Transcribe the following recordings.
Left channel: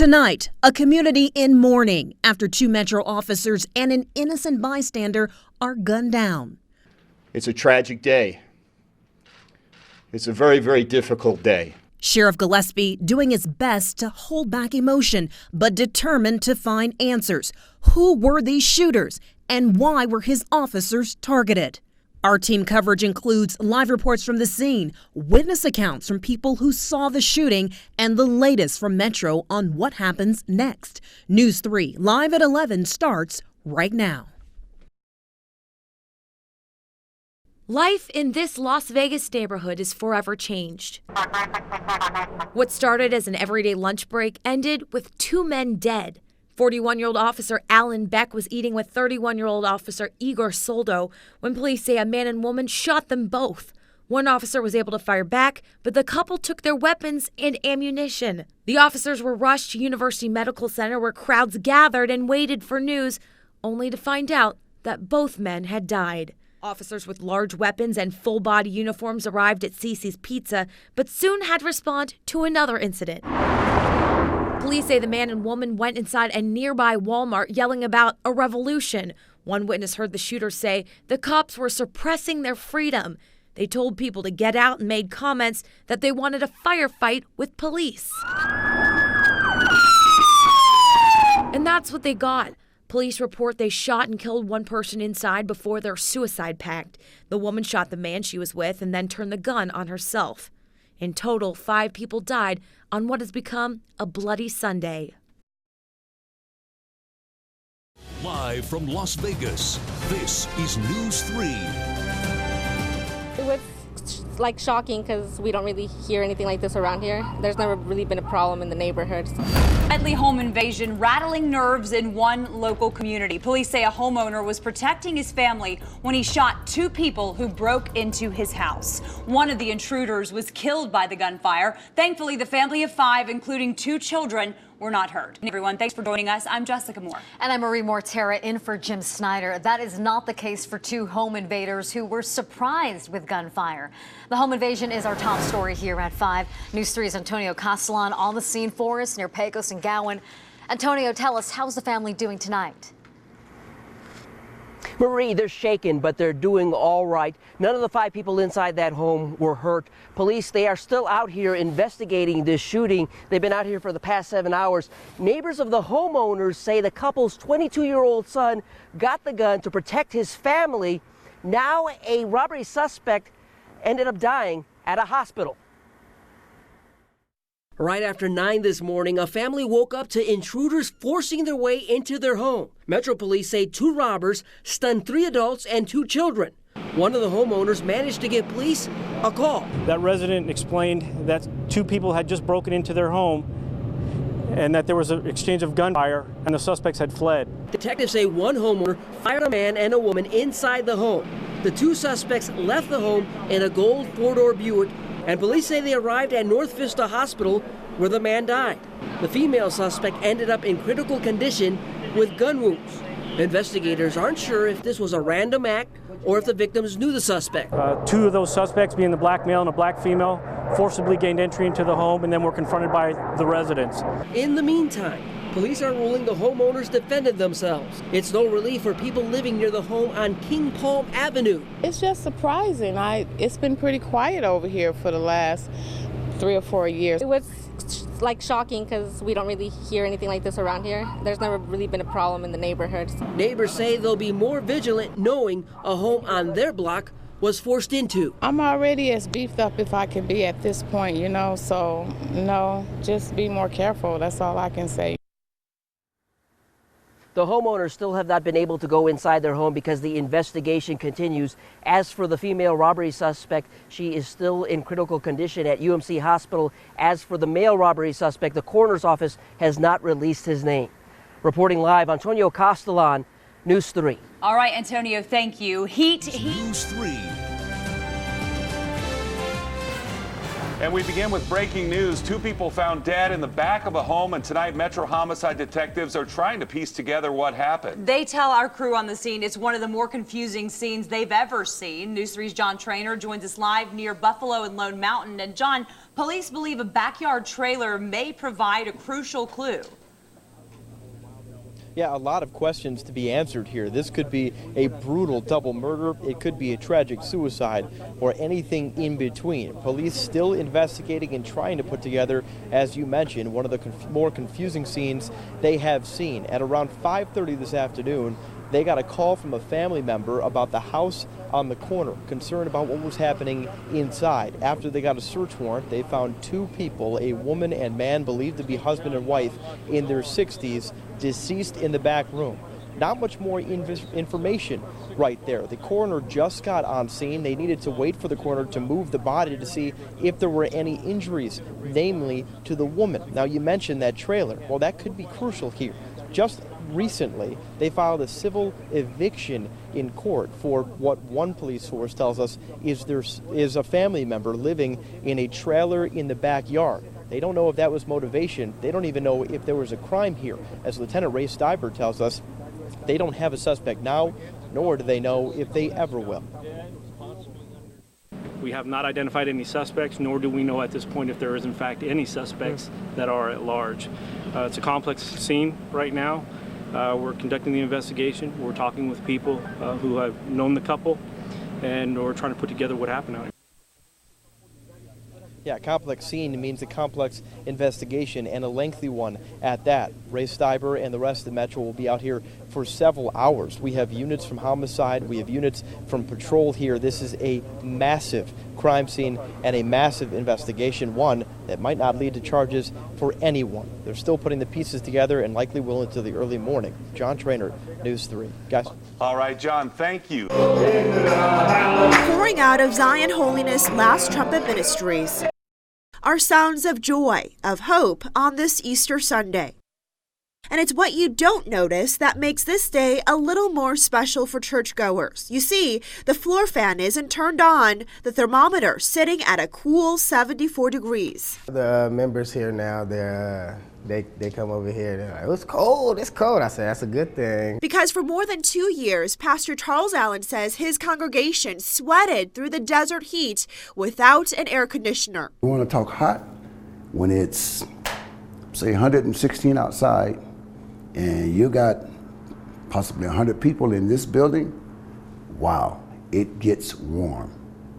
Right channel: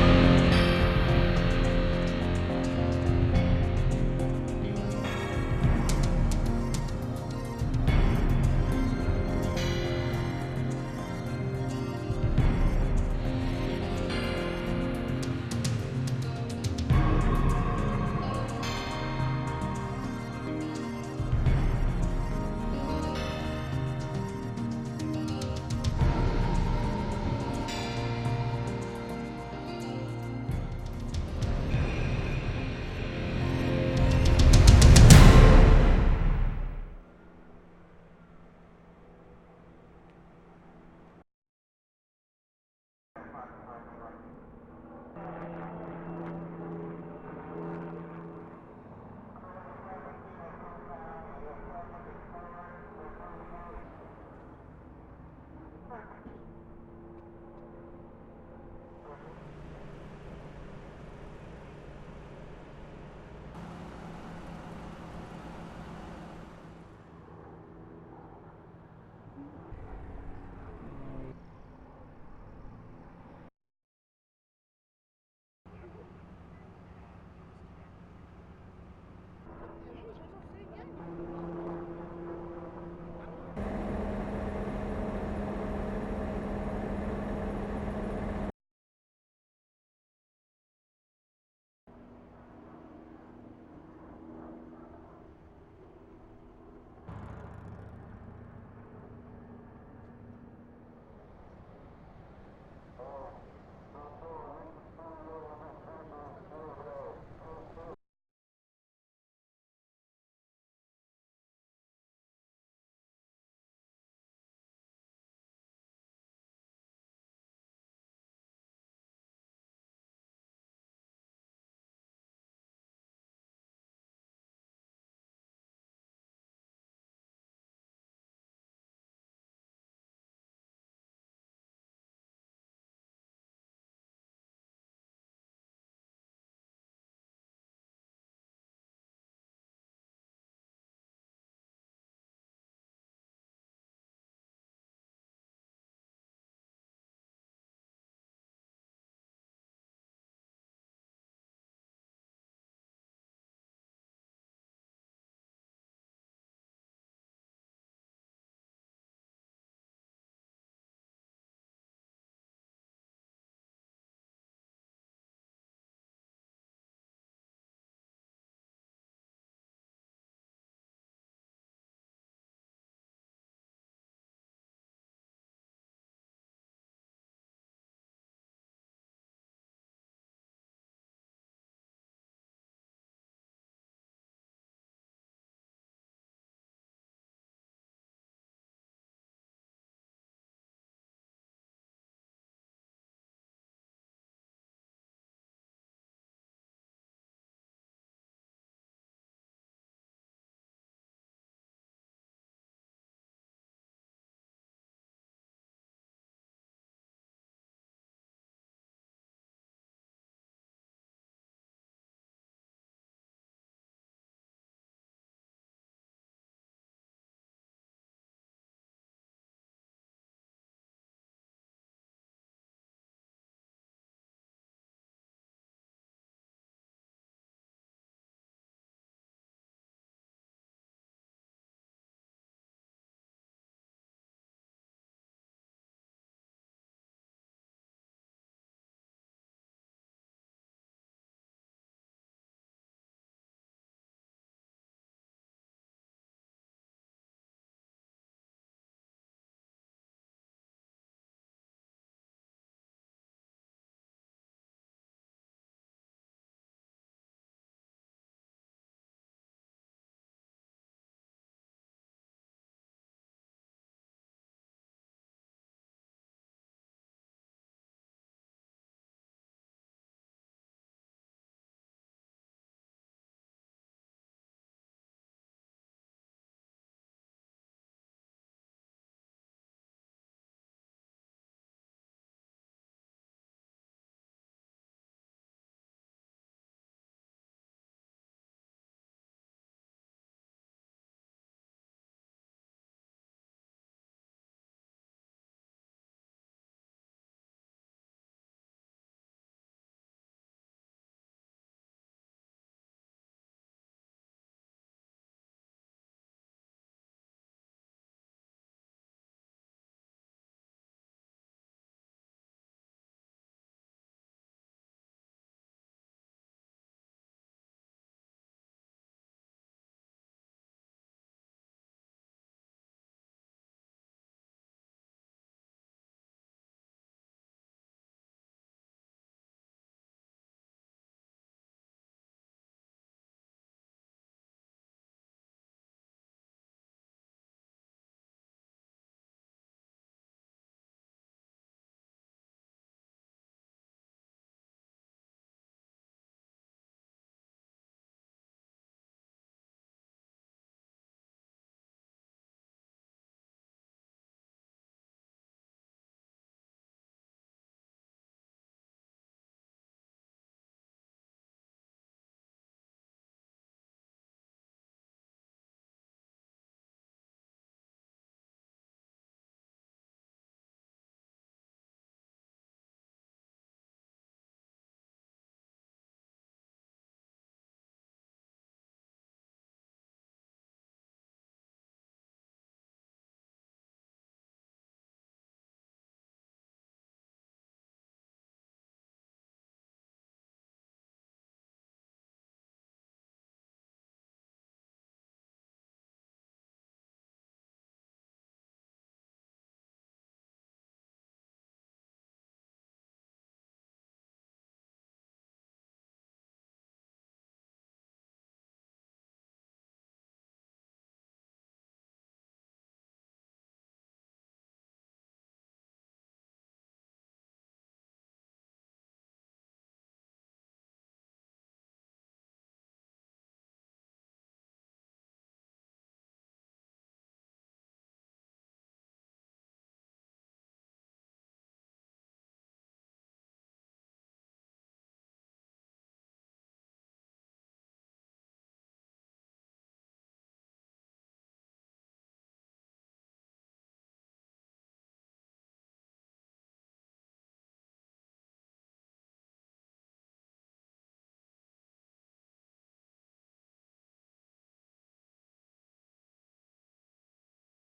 Tonight, a community in mourning after 2 Metro officers and an innocent bystander are gunned down. It's a tragic day. It's a very, very difficult day. Sheriff Gillespie doing his best to hold back emotion, but determined to find answers. Who were these shooters and why were his officers targeted? Our team coverage includes live reports from the scene, witness accounts from people who saw the shooting, and the latest from Metro on what happens next. News 3 live at 11 starts right now. Life in this Las Vegas neighborhood is forever changed. What started as an everyday lunch break ended with 2 men dead. 41-year-old officer Alan Beck was eating with 31-year-old officer Igor Soldo when police say a man and woman shot them both. One officer was able to fire back, but the couple took their weapons and ammunition. The officers were rushed to University Medical Center where crowds gathered and waited for news, only to find out that both men had died. Officers with large weapons and full-body uniforms arrived at Cece's Pizza, but soon had to respond to another incident. Police say the man and woman went inside a nearby Walmart yelling about a revolution. One witness heard the shooter say the cops were suppressing their freedom. They told people to get out and made comments that they wanted a firefight with police. And that's what they got. Police report they shot and killed one person inside before their suicide pact. The woman shot the man she was with and then turned the gun on herself. In total, 5 people died on what has become a bloody Sunday. Live from Las Vegas, this is News 3. It was like shocking because we don't really hear anything like this around here. There's never really been a problem in the neighborhood. Deadly home invasion rattling nerves in one local community. Police say a homeowner was protecting his family when he shot 2 people who broke into his house. One of the intruders was killed by the gunfire. Thankfully, the family of 5, including 2 children, were not hurt. Everyone, thanks for joining us. I'm Jessica Moore. And I'm Marie Mortera in for Jim Snyder. That is not the case for 2 home invaders who were surprised with gunfire. The home invasion is our top story here at 5. News 3's Antonio Castellan on the scene for us near Pecos and Gowan. Antonio, tell us, how's the family doing tonight? Marie, they're shaken, but they're doing all right. None of the 5 people inside that home were hurt. Police, they are still out here investigating this shooting. They've been out here for the past 7 hours. Neighbors of the homeowners say the couple's 22-year-old son got the gun to protect his family. Now a robbery suspect ended up dying at a hospital. Right after 9 this morning, a family woke up to intruders forcing their way into their home. Metro Police say 2 robbers stunned 3 adults and 2 children. One of the homeowners managed to give police a call. That resident explained that 2 people had just broken into their home and that there was an exchange of gunfire and the suspects had fled. Detectives say one homeowner fired a man and a woman inside the home. The 2 suspects left the home in a gold 4-door Buick, and police say they arrived at North Vista Hospital where the man died. The female suspect ended up in critical condition with gun wounds. Investigators aren't sure if this was a random act or if the victims knew the suspect. 2 of those suspects, being the black male and a black female, forcibly gained entry into the home and then were confronted by the residents. In the meantime, police are ruling the homeowners defended themselves. It's no relief for people living near the home on King Palm Avenue. It's just surprising. It's been pretty quiet over here for the last 3 or 4 years. It was like shocking because we don't really hear anything like this around here. There's never really been a problem in the neighborhood. Neighbors say they'll be more vigilant knowing a home on their block was forced into. I'm already as beefed up if I can be at this point, so no, just be more careful. That's all I can say. The homeowners still have not been able to go inside their home because the investigation continues. As for the female robbery suspect, she is still in critical condition at UMC Hospital. As for the male robbery suspect, the coroner's office has not released his name. Reporting live, Antonio Castellan, News 3. All right, Antonio, thank you. News 3. And we begin with breaking news. 2 people found dead in the back of a home, and tonight Metro homicide detectives are trying to piece together what happened. They tell our crew on the scene it's one of the more confusing scenes they've ever seen. News 3's John Trainer joins us live near Buffalo and Lone Mountain. And John, Police believe a backyard trailer may provide a crucial clue. Yeah, a lot of questions to be answered here. This could be a brutal double murder, it could be a tragic suicide, or anything in between. Police still investigating and trying to put together, as you mentioned, one of the more confusing scenes they have seen. At around 5:30 this afternoon, they got a call from a family member about the house on the corner, concerned about what was happening inside. After they got a search warrant, they found two people, a woman and man believed to be husband and wife in their 60s, deceased in the back room. Not much more information right there. The coroner just got on scene. They needed to wait for the coroner to move the body to see if there were any injuries, namely to the woman. Now, you mentioned that trailer. Well, that could be crucial here. Just recently, they filed a civil eviction in court for what one police source tells us is a family member living in a trailer in the backyard. They don't know if that was motivation. They don't even know if there was a crime here. As Lieutenant Ray Stiber tells us, they don't have a suspect now, nor do they know if they ever will. We have not identified any suspects, nor do we know at this point if there is in fact any suspects that are at large. It's a complex scene right now. We're conducting the investigation. We're talking with people who have known the couple, and we're trying to put together what happened out here. Yeah, complex scene means a complex investigation, and a lengthy one at that. Ray Stiber and the rest of the Metro will be out here for several hours. We have units from homicide, we have units from patrol here. This is a massive crime scene and a massive investigation, one that might not lead to charges for anyone. They're still putting the pieces together and likely will into the early morning. John Trainer, News 3. Guys. All right, John, thank you. Pouring out of Zion Holiness Last Trumpet Ministries are sounds of joy, of hope on this Easter Sunday. And it's what you don't notice that makes this day a little more special for churchgoers. You see, the floor fan isn't turned on, the thermometer sitting at a cool 74 degrees. The members here now, they come over here, they're like, it's cold. I say, that's a good thing. Because for more than 2 years, Pastor Charles Allen says his congregation sweated through the desert heat without an air conditioner. We want to talk hot when it's, say, 116 outside, and you got possibly 100 people in this building. Wow, it gets warm,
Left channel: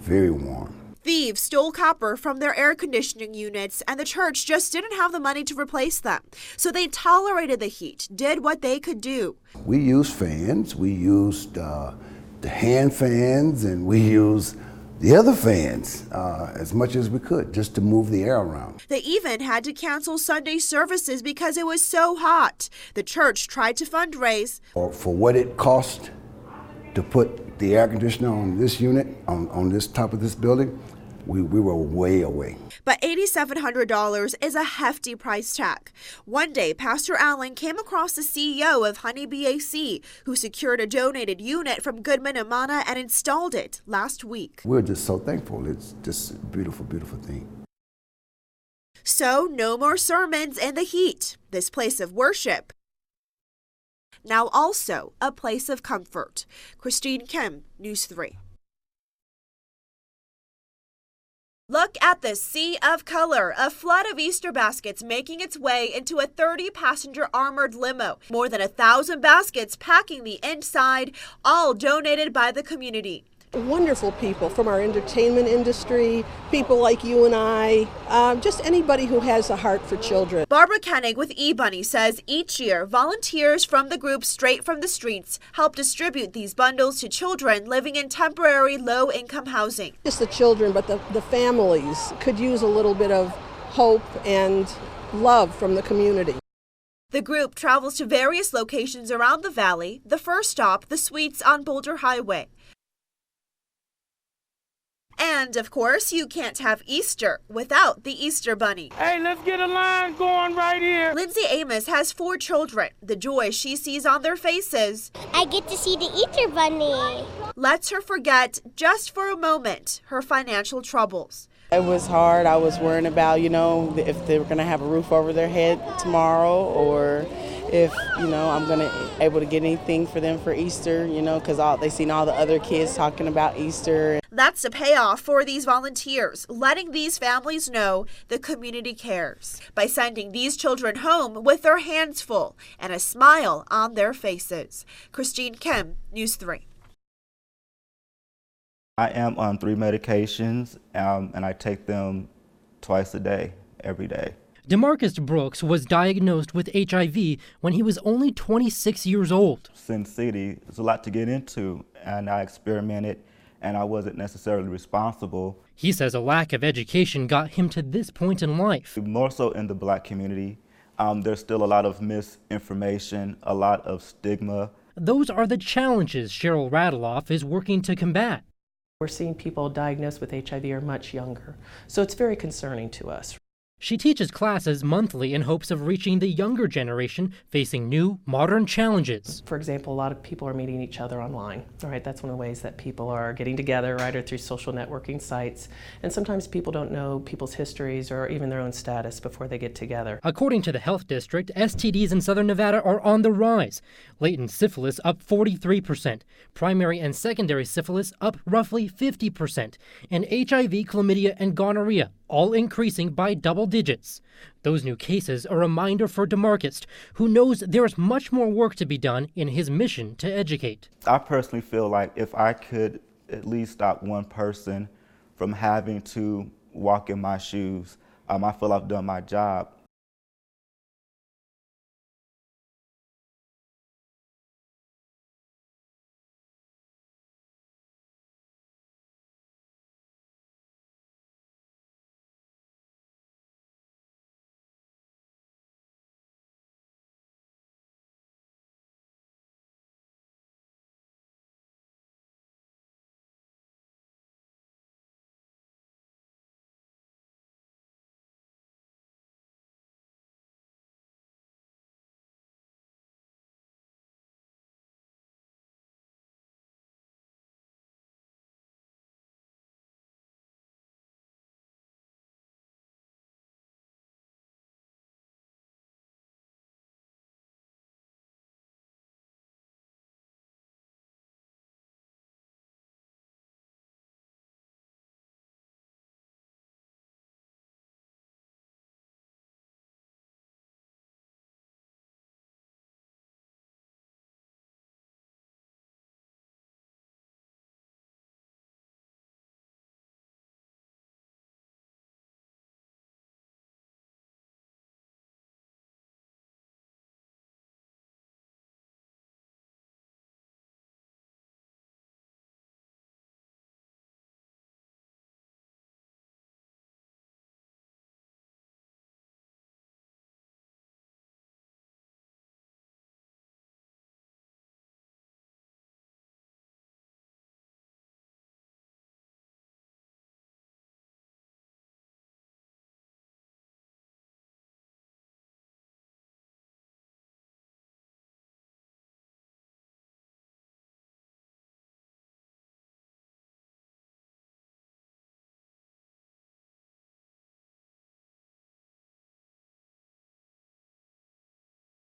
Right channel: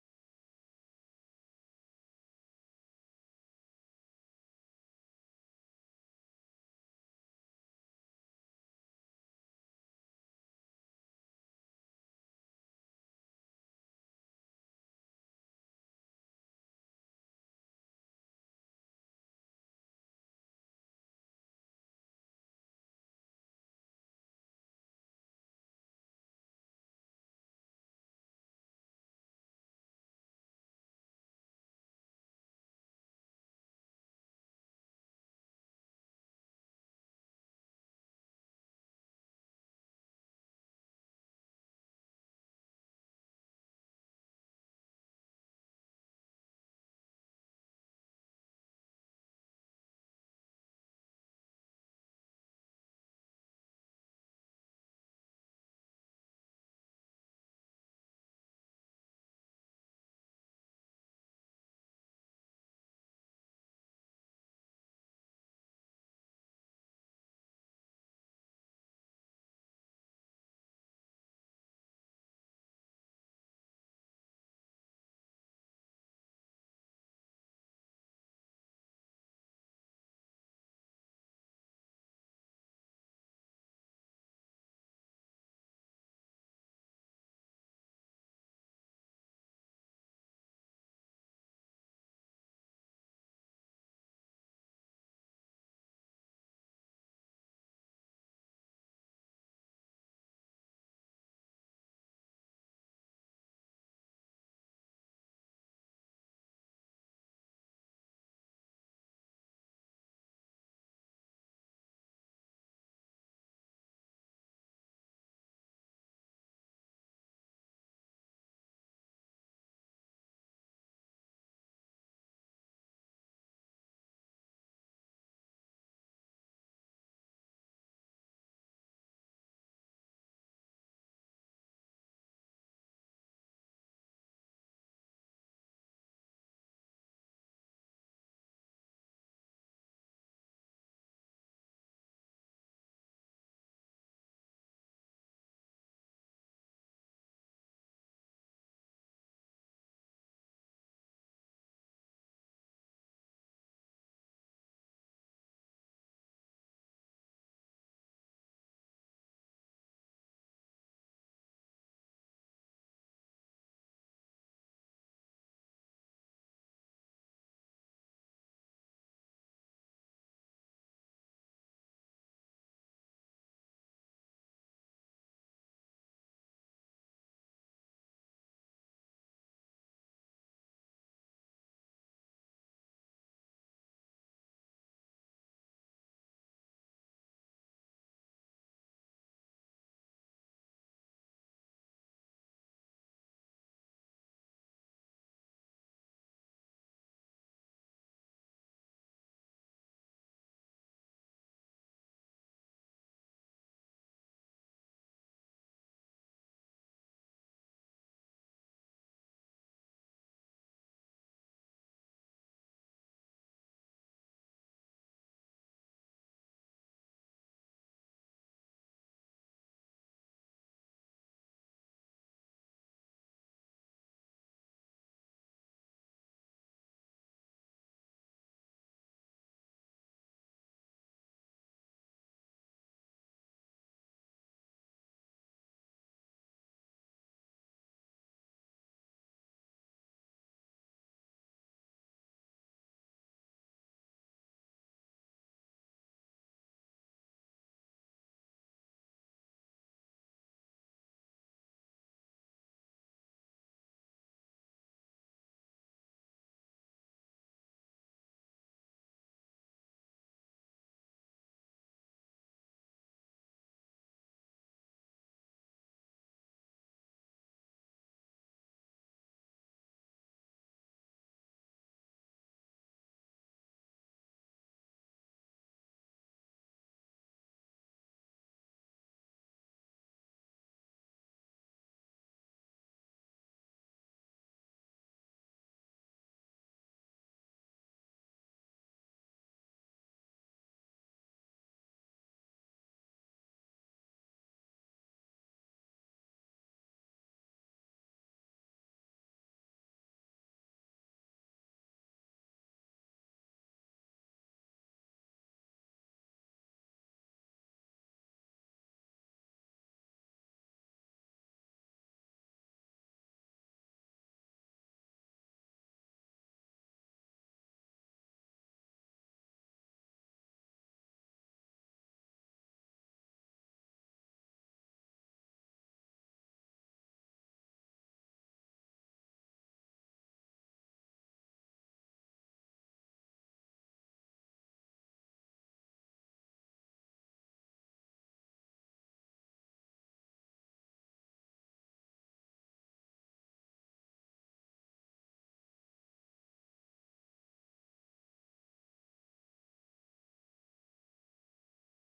very warm. Thieves stole copper from their air conditioning units, and the church just didn't have the money to replace them. So they tolerated the heat, did what they could do. We used fans, we used the hand fans, and we used the other fans as much as we could just to move the air around. They even had to cancel Sunday services because it was so hot. The church tried to fundraise. For what it cost to put the air conditioner on this unit, on this top of this building, we were way away. But $8,700 is a hefty price tag. One day, Pastor Allen came across the CEO of Honeybee AC, who secured a donated unit from Goodman & Mana and installed it last week. We're just so thankful. It's just a beautiful, beautiful thing. So no more sermons in the heat. This place of worship, now also a place of comfort. Christine Kim, News 3. Look at the sea of color, a flood of Easter baskets making its way into a 30-passenger armored limo. More than 1,000 baskets packing the inside, all donated by the community. Wonderful people from our entertainment industry, people like you and I, just anybody who has a heart for children. Barbara Koenig with eBunny says each year, volunteers from the group Straight from the Streets help distribute these bundles to children living in temporary low-income housing. Just the children, but the families could use a little bit of hope and love from the community. The group travels to various locations around the valley, the first stop, the Suites on Boulder Highway. And, of course, you can't have Easter without the Easter Bunny. Hey, let's get a line going right here. Lindsay Amos has 4 children. The joy she sees on their faces, I get to see the Easter Bunny, lets her forget, just for a moment, her financial troubles. It was hard. I was worrying about, if they were going to have a roof over their head tomorrow, or if, I'm going to able to get anything for them for Easter, because they seen all the other kids talking about Easter. That's the payoff for these volunteers, letting these families know the community cares by sending these children home with their hands full and a smile on their faces. Christine Kim, News 3. I am on 3 medications, and I take them twice a day, every day. DeMarcus Brooks was diagnosed with HIV when he was only 26 years old. Sin City is a lot to get into, and I experimented, and I wasn't necessarily responsible. He says a lack of education got him to this point in life. More so in the Black community, there's still a lot of misinformation, a lot of stigma. Those are the challenges Cheryl Radeloff is working to combat. We're seeing people diagnosed with HIV are much younger, so it's very concerning to us. She teaches classes monthly in hopes of reaching the younger generation facing new, modern challenges. For example, a lot of people are meeting each other online. All right, that's one of the ways that people are getting together, right, or through social networking sites. And sometimes people don't know people's histories or even their own status before they get together. According to the health district, STDs in Southern Nevada are on the rise. Latent syphilis up 43%, primary and secondary syphilis up roughly 50%, and HIV, chlamydia, and gonorrhea all increasing by double digits. Those new cases a reminder for DeMarcus, who knows there is much more work to be done in his mission to educate. I personally feel like if I could at least stop one person from having to walk in my shoes, I feel I've done my job.